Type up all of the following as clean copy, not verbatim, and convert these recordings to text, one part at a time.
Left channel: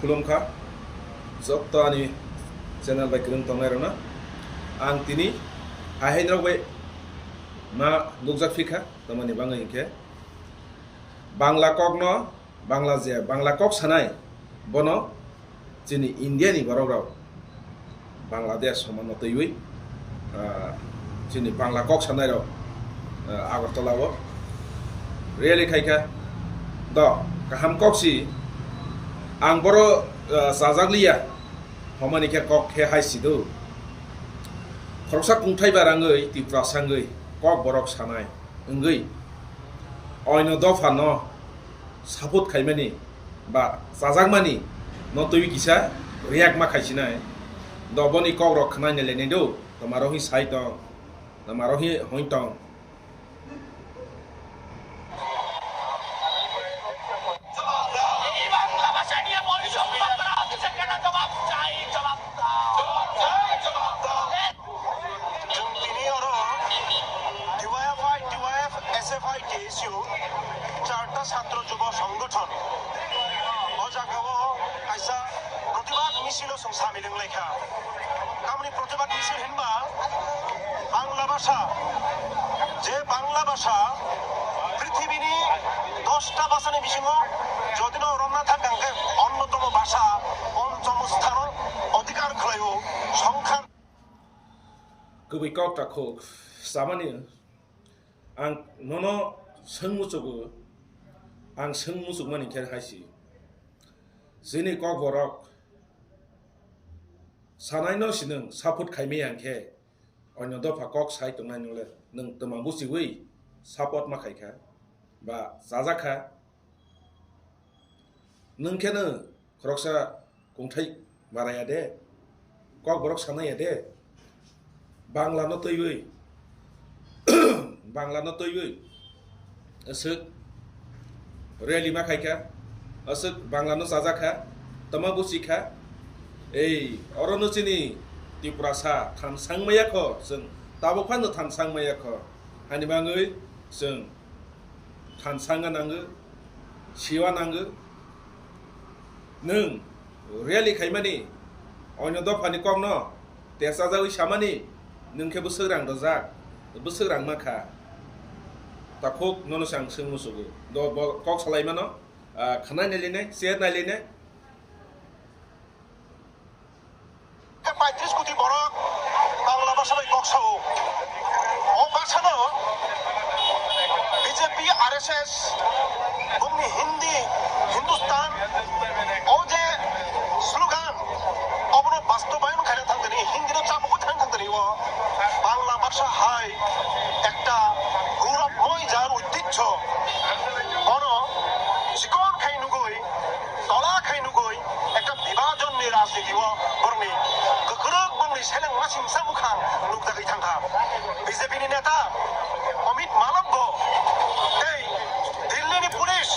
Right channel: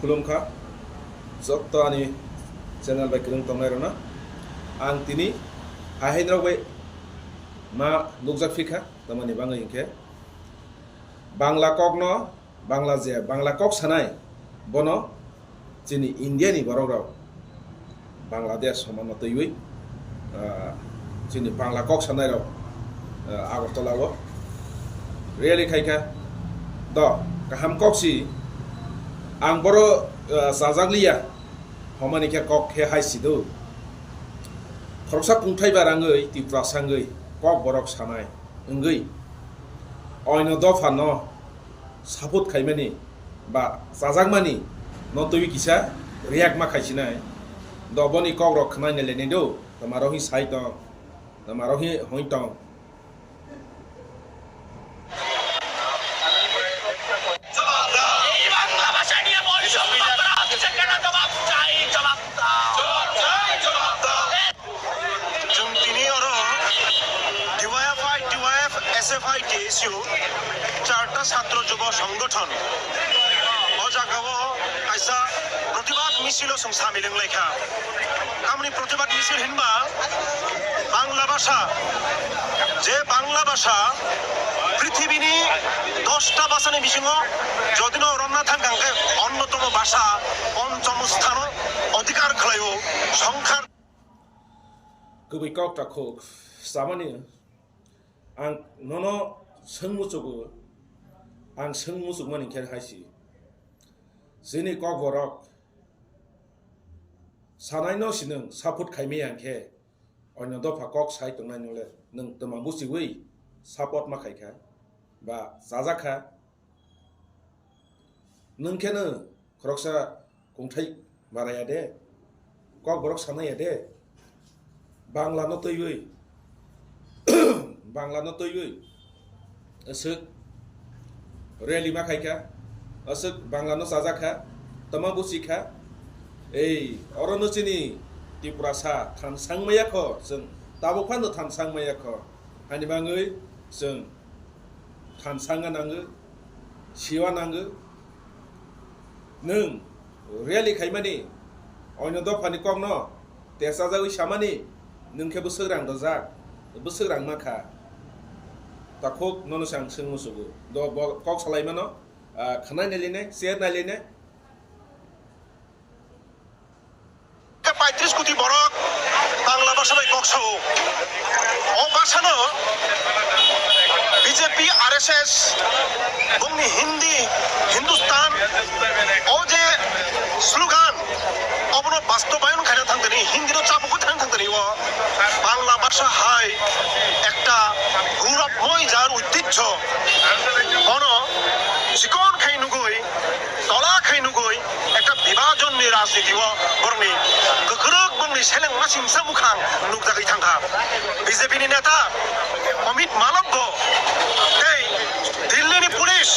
खुलुमखा जत्त आंनि channel bye गोरों दंनाय रना आं दिनै हाहेनराव बाय मा नुकजाक फिखा तमानि बाङै इनके बांला कक न बांला जे बांला कक सानाय बनो जोंनि इन्डियानि बर' राव बांलादेश समान तैवै जोंनि बांला कक सानाय राव आगरतलाव रियेलि खायखा द गाहाम कक्सि आं बर' जाजाग्लिया हमानिखे कक हे हायसिदौ खरकसा खुंथाय बाराङै तिप्रासाङै कक बरक सानाय ओंगै अयन दफा न सापुत खायमानि बा जाजागमानि न तैवि किसा रियाक मा खायसिनाय दबनि कक रक खानाय नेलेनाय दौ तमारहि साइ दं तमारहि हय दं चारटा छात्र युव संगठन प्रतिबाद मिছিল सामिलिं लेखा आमनि प्रतिबाद मिছিল हिनबा बांला भाषा जे बांला भाषा पृथिवीनि 10टा भाषानि बिथिङाव যদিন রমনা थांगांखाय अन्यतम भाषा पञ्चम स्थान अधिकार खालायो संख्या गुबै कक ताखौ सामानि आं ननो सोंमुचुगु आं सोंमुचुग मानि खेर हायसि जोंनि कक बरक सानाय न सिनों सापुत खायमे आंखे अन्य दफा कक साइ तंनाय नंले नों तमां बुसिवै सापत मा खायखा बा जाजाखा नोंखेनो खरकसा खुंथाय बाराया दे कक बरक सानाया दे बांला न तैवै बांला न तैवै असक रेली मा खायखा असक बांला न जाजाखा तमा बुसिखा ei orono chini tiprasa थानसां मायाखो जों ताबोफानो थानसां मायाखो हानि बाङै जों थानसाङा नांगो सिवा नांगो नों रियेलि खायमानि अन्य दफानि कक न तेसा जावै सामानि नोंखे बोसोरां दजाक बोसोरां माखा ताखौ ननो सां सोंमुसुगु द कक सालायमानो खानाय नायलिनाय सेर नायलिनाय 35 কোটি বরক বাংলা ভাষায় কক্সাও ও ভাষানো বিজেপি আরএসএস বংনি হিন্দি হিন্দুস্তান ও যে স্লোগান অবন বাস্তবায়ন খাইনা থাকতেনি হিন্দির চাপকো থাকতে থাকতেনি ও বাংলা ভাষা হয় একটা গৌরবময় যার ঐতিহ্য বন সিকন খাইনুগই তলা খাইনুগই একটা বিভাজননি রাজনীতি ও বরনি गोख्रों बंगनि सेलें मासिं सामुखां नुकजाखै थांखा बीजेपीनि नेता अमित मालव्य এই দিল্লিनि पुलिस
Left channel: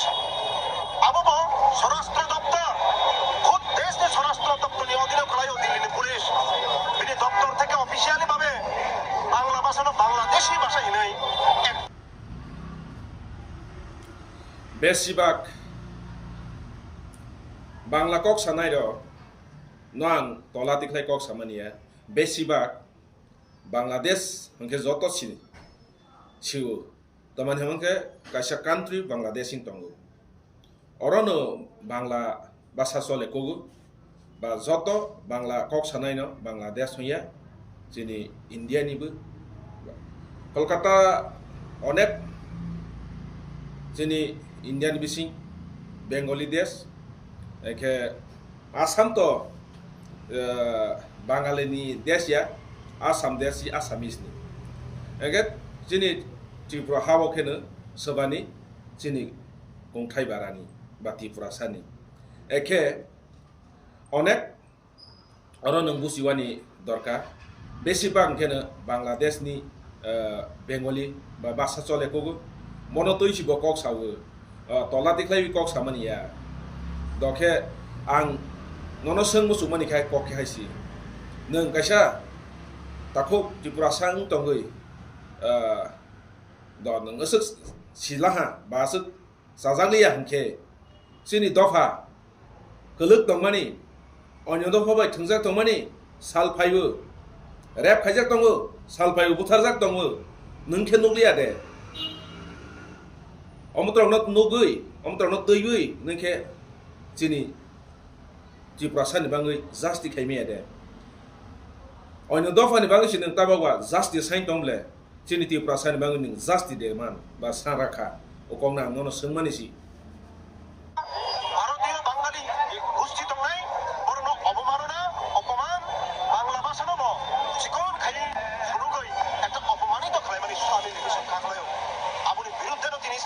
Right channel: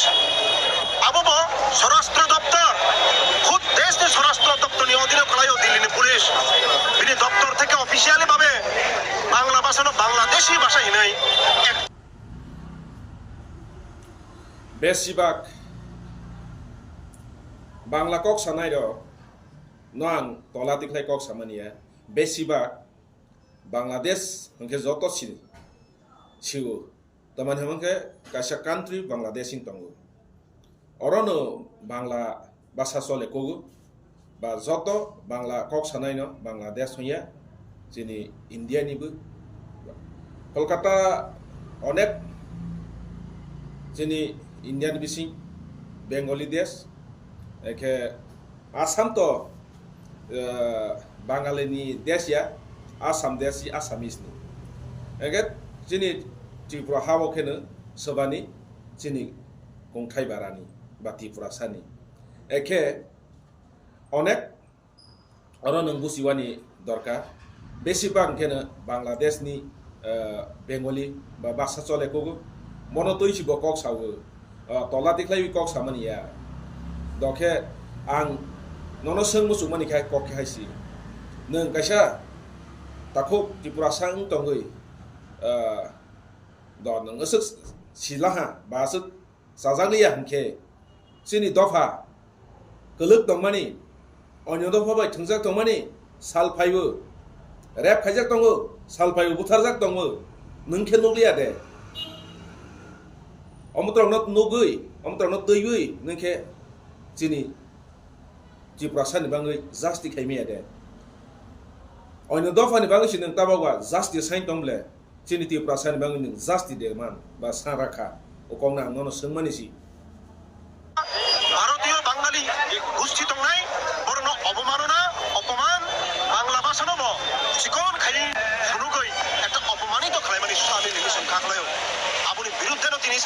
आबो स्वराष्ट्र दप्तर खुद देशनि स्वराष्ट्र दप्तरनि अधीने खालायो दिल्लीनि पुलिस बिनि दप्तर থেকে অফিশিয়ালি ভাবে বাংলা ভাষানো বাংলাদেশি ভাষা হিনাই बेसिबाक बांला कक सानाय र नां तला तिखलाय कक सामानिया बेसिबाक बांलादेश हंके जत सिउ तमानि हमके कायसा कान्ट्रि बांलादेश इन तंगु अरनो बांला भाषा चले कोगु बा जत बांला कक सानाय न बांलादेश हया जोंनि इन्डियानिबो कलकाता अनेक जोंनि इन्डियानि बिसिं बेंगली देश एखे आसाम तो बांगालिनि देश या आसाम देश आसामिसनि एगे जोंनि त्रिपुरा हावखेनो सोबानि जोंनि गंथाय बारानि बा त्रिपुरासानि एखे अनेक अर नों बुसिवानि दरकार बेसिबां खेनो बांलादेशनि बेंगली बा भाषा चलेकोगु मनो तैसिबो कक सावो तला तिखलाय कक सामानिया दखे आं ननो सोंमुसुग मानिखाय कक हायसि नों कायसा ताखौ त्रिपुरासां तंगै द नों असक सिलाहा बा असक जाजागलिया हंखे जोंनि दफा toluk tongmani onyodo phabai thungjak tongmani sal phaibo rap khaijak tongo sal phaibo butharjak tongo nungkhe nukliya de omotrong not nugui omotrong not tuiui nungkhe chini Tripura sani bangai justi khaimia de onyo dofani bangai sinung tabawa justi sain tongle chini Tripura sani bangai ning justi de man ba sanrakha okongna nono sungmani si ভারতীয় বাঙালি গোষ্ঠী তংনাই বরণ অবমাননা অপমান বাংলা ভাষা নব চিকন খালি শুনুগৈ একটা অপমানিত খালাইমানি স্বামী নিমিশন খাখলায় আপনি বিরুদ্ধে তিনি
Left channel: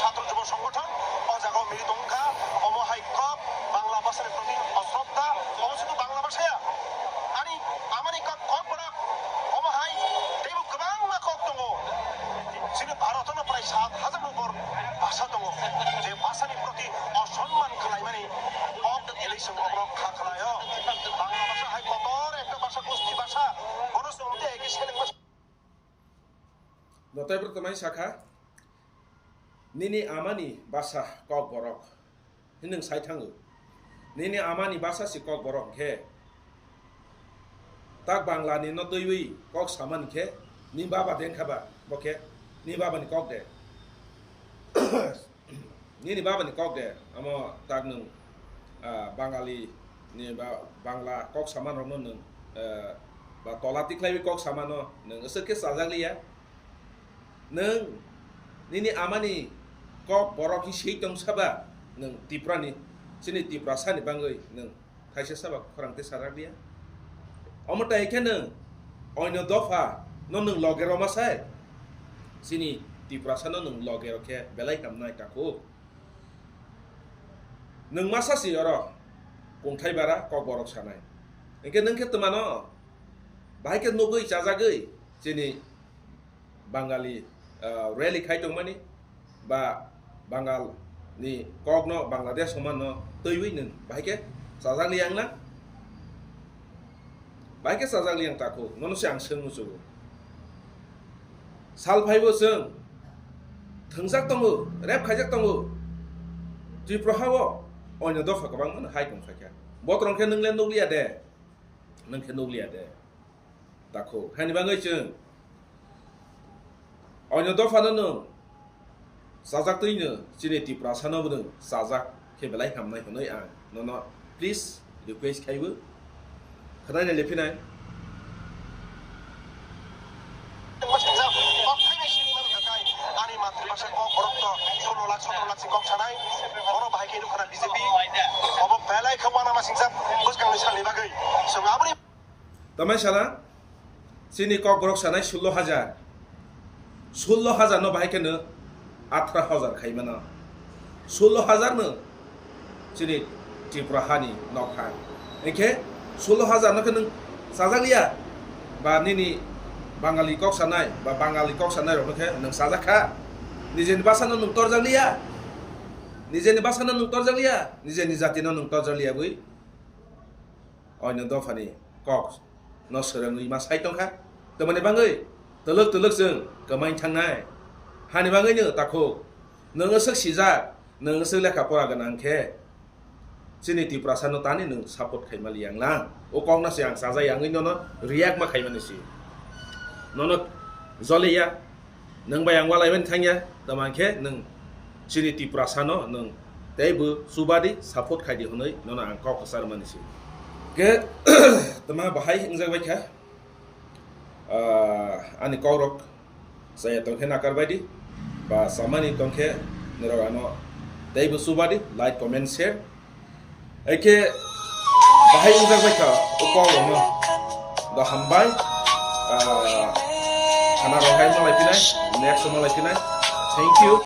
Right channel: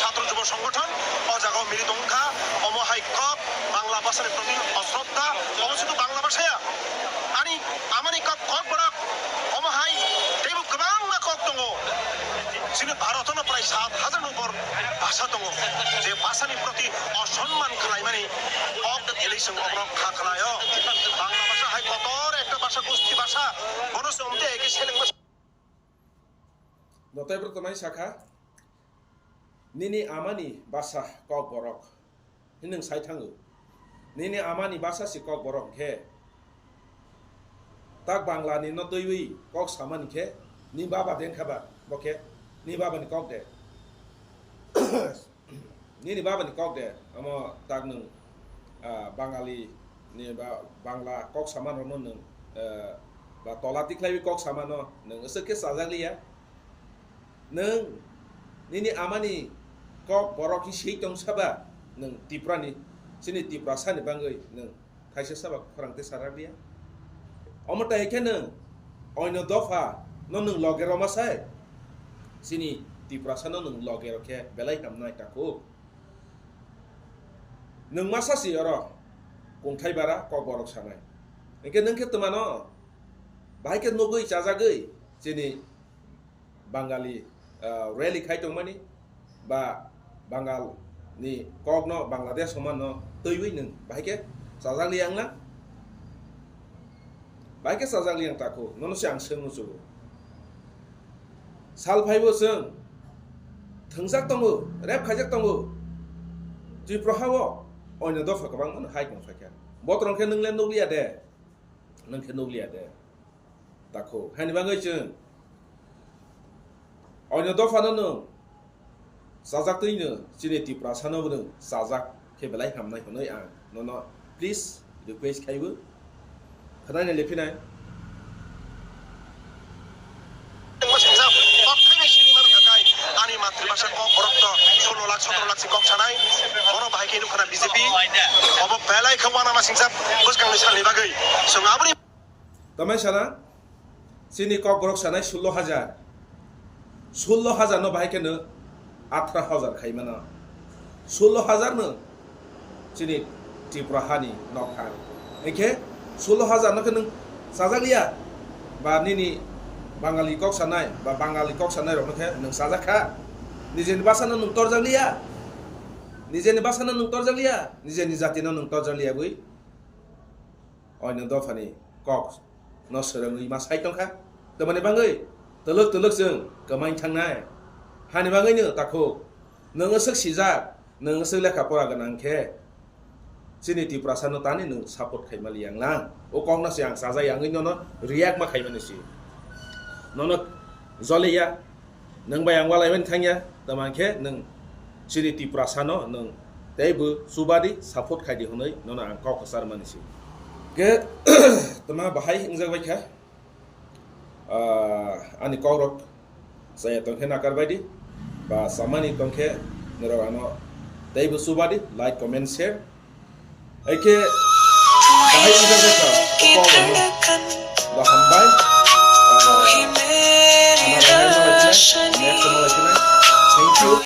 ছাত্র যুব সংগঠন অজাগাও মিলিতংখা অমহাইক্যক বাংলা ভাষার প্রতি অশ্রদ্ধা অবস্থিত বাংলা ভাষায়া আনি আমানি কক বড় অমহাই দেবু গোবাং কক দङ যিনি ভারতনো প্রায় 7,000 উপর ভাষা দङ যে ভাষানি প্রতি অসম্মান খালাইমানি কক এলিসং অবরক খাখলায় বাংলা ভাষা হাই কতর একটা ভাষা গোষ্ঠী ভাষা মনুষ্য অন্তে একে সেলেং notai pertamai sakha nini amani basa kok borok hinung sai thangu nini amani basa si kok borok khe tak bangla ni no toiwi kok saman khe ni baba den khaba bokhe ni baba ni kok de ni baba ni kok de amo tak nung bangali ni ba bangla kok saman rom nung ba tola tiklai kok saman no nung asake sajak liya nung nini amani kok borok hi sei tong saba nung Tripura ni sini Tripura sani bangai nung thaisa saba khorangte sarak dia omota ekhe nung oino dofa no nung logero masai sini Tripura sano nung logero khe belai kamnai tako nung masa si oro kongthai bara kok borok sanai engke nung khe tmano bai ke nogoi chajagoi sini Bangali rally khai tongmani ba Bangal ni kok no Bangladesh soman no toiwi nung baike sajak liang la baike sajak liang tako nono se ang seung musu sal phaibo seung thungjak tongo rap khaijak tongo Tripura hawo onyo dofa kabang man hai tong phakya botrong khe nung len nukliya de nung khe nukliya de tako hani bangai chung onyo dofa no sajak toino chini Tripura sano bung sajak khe belai hamnai honoi ang nono please request khaibu khadai na lephinai ani মাতৃভাষা cock বরক্ত 16 lakh 17 lakh cock ছানাই বড় ভাইকে নুখানা BJP of বেলাই খবানা মা সিংসাব বসকাংনি সালি বাগৈ সঙ্গাবনি tamai sana chini kok borok sanai 16,000 no baike no 18,000 khaimana 16,000 no chini Tripura hani nokha engke 16,000 no khe sajak liya ba nini Bangali kok sanai ba Bangali kok sanai ro no khe nung sajak kha nijeni basa no nung torjak liya nijeni basa no nung torjak liya nijeni jati no nung torjak liya bui oino dofani kok no serangui ma sai tongkha tamani bangai teluk jeng kemain thangnai hani bangai no tako nung asuk sijak nung asuk lekha pora ganang khe chini Tripura sano tani nung support khaima liang lang okong na siang sajai yang no react ma khaima ni si nono zoleya nung bayang walai men thangya taman khe nung chini Tripura sano nung teibu subadi support khai di honoi nono ang kok sar mani si ke tama bahai ingjak bai kha ani korok saya tongkhe nakar baidi ba samani tongkhe nerogano teibu subadi like comment share eke bahai ingjak bai kha okong no da hambai ana rohai malai pinai next malai pinai thank you